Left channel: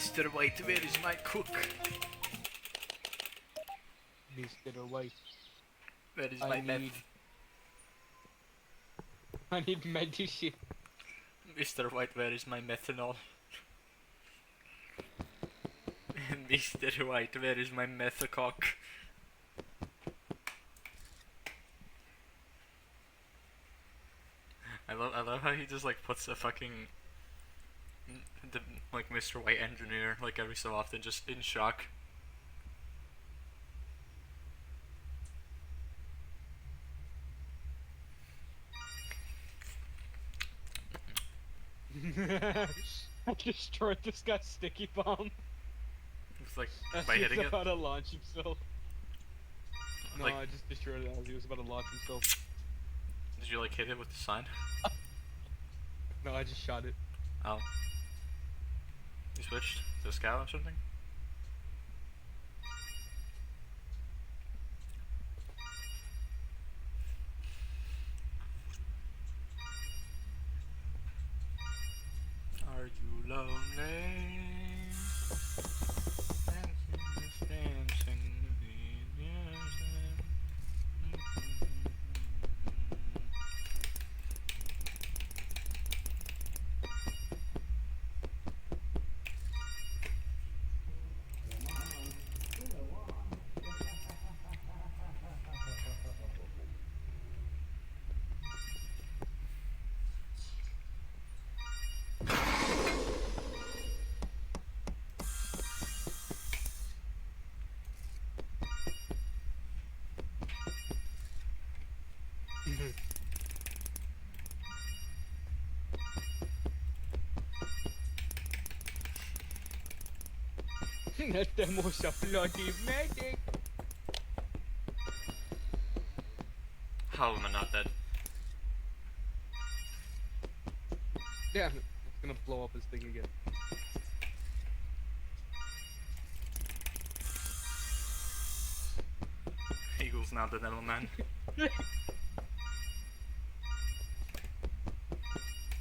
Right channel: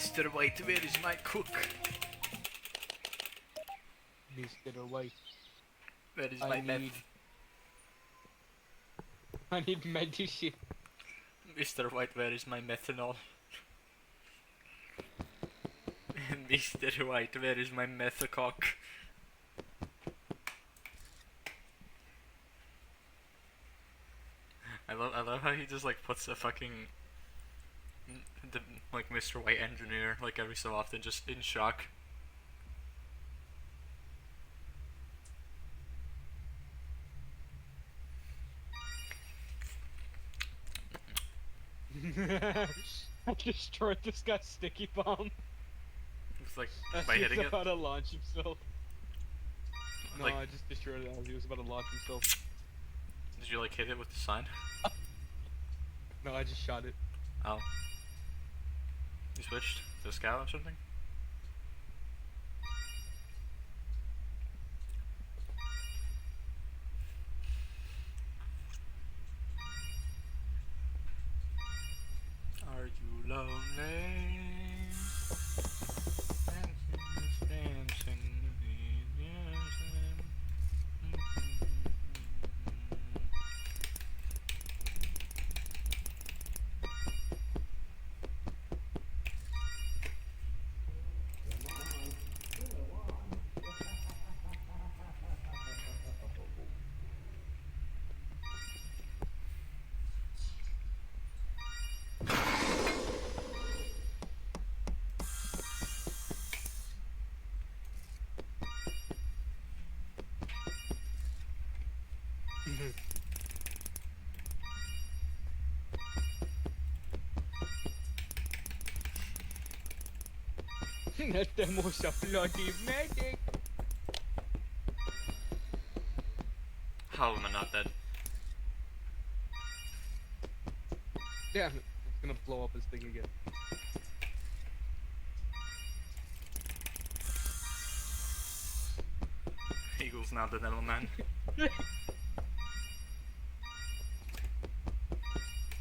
Mr. White, where is my cook? Mr. White. Where is my meth? I need medicine. Mr. White, where is my methanol? Mr. White, where is my methacock? I love how he just like puts a fucking like Mr. White engineer like every so often just in shock. I destroyed this guy's sticky bomb. It's like As by he hitting was it. about to launch himself. No, Like, I just destroyed it as he was about to launch himself. did you like hit it with the sign? No, I just shot it. Oh. You switched to a scout or something? Are you lonely? Dancing in the That demo's a bloody medic! How am I not dead? Damn it, it's gonna blow up his thing again. Eagle's not the devil man.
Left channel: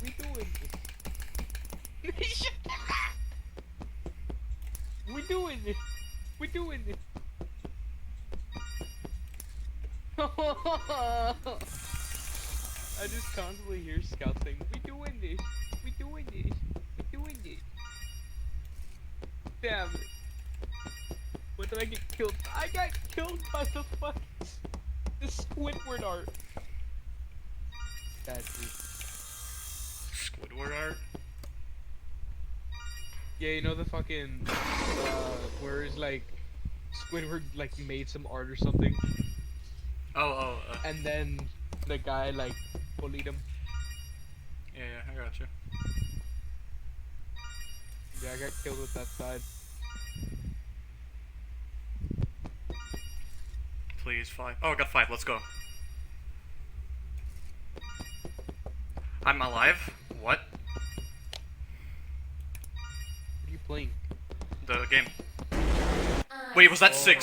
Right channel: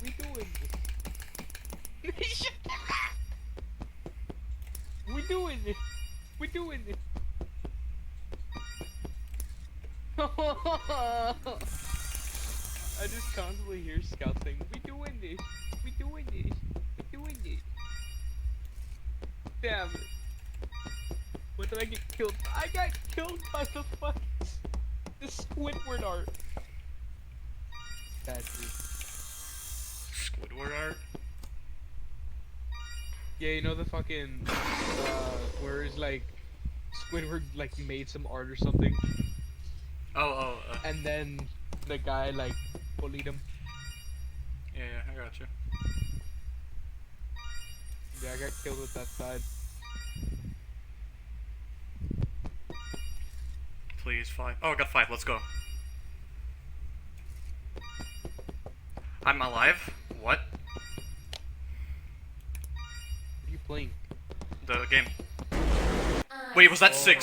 We doing this. We doing this. We doing this. I just constantly hear Scout saying, "We doing this. We doing this. We doing this." Damn it. When did I get killed? I got killed by the fucking Squidward art. Bad dude. Squidward art? Yeah, you know the fucking where is like Squidward like made some art or something, and then the guy like bullied him. Yeah, I got you. Yeah, I got killed with that side. Please, 5. Oh, I got 5, let's go. I'm alive? What? What are you playing? The game. Wait, was that 6?